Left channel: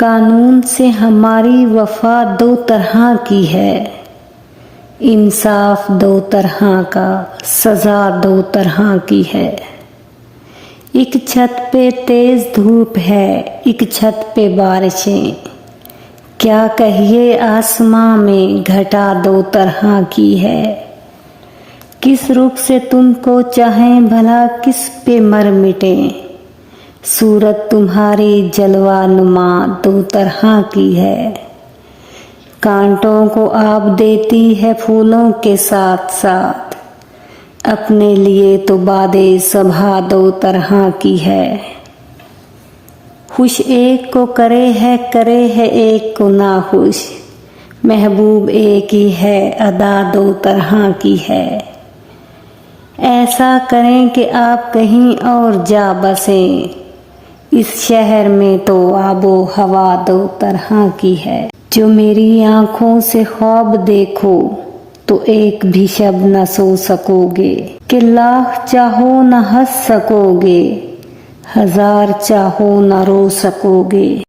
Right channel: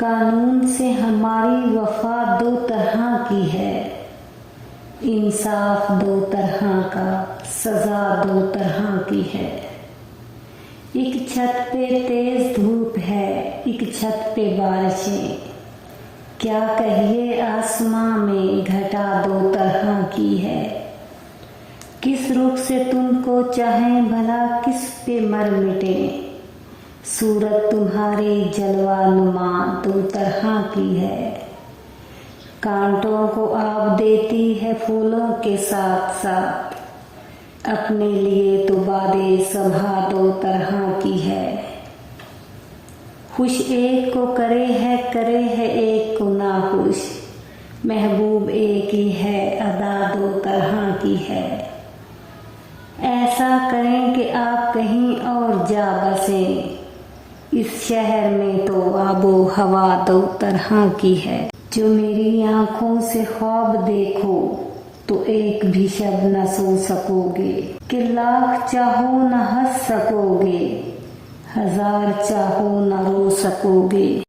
कानून से हमारी वफा दो तरह की है, इंसाफ दो तरह का, सजा दो तरह की है। एक छत पे तेज धूप है, एक छत पे बारिशें, क्या कहिए आसमां में घटा दो तरह की है। किस रुख से तुमको चाहें भला किस पे मर मिटें, सूरत तुम्हारी जलवा नुमा दो तरह की है। कांटों को आप देती है फूलों के साथ साथ, अपने लिए तो बादे सभा दो तरह की है। खुश एक को करे है एक को नाखुश, महबूब एक ही है अदा दो तरह की है। ऐसा करें कि आप कहीं और जा बसें, इस शहर में तो आबो हवा दो तरह की है। जो मेरी आंखों से ख्वाब देखो तो एक भी शब न सो सकोगे, कि लाख चाहो न हंस सकोगे, हजार चाहो न रो सकोगे।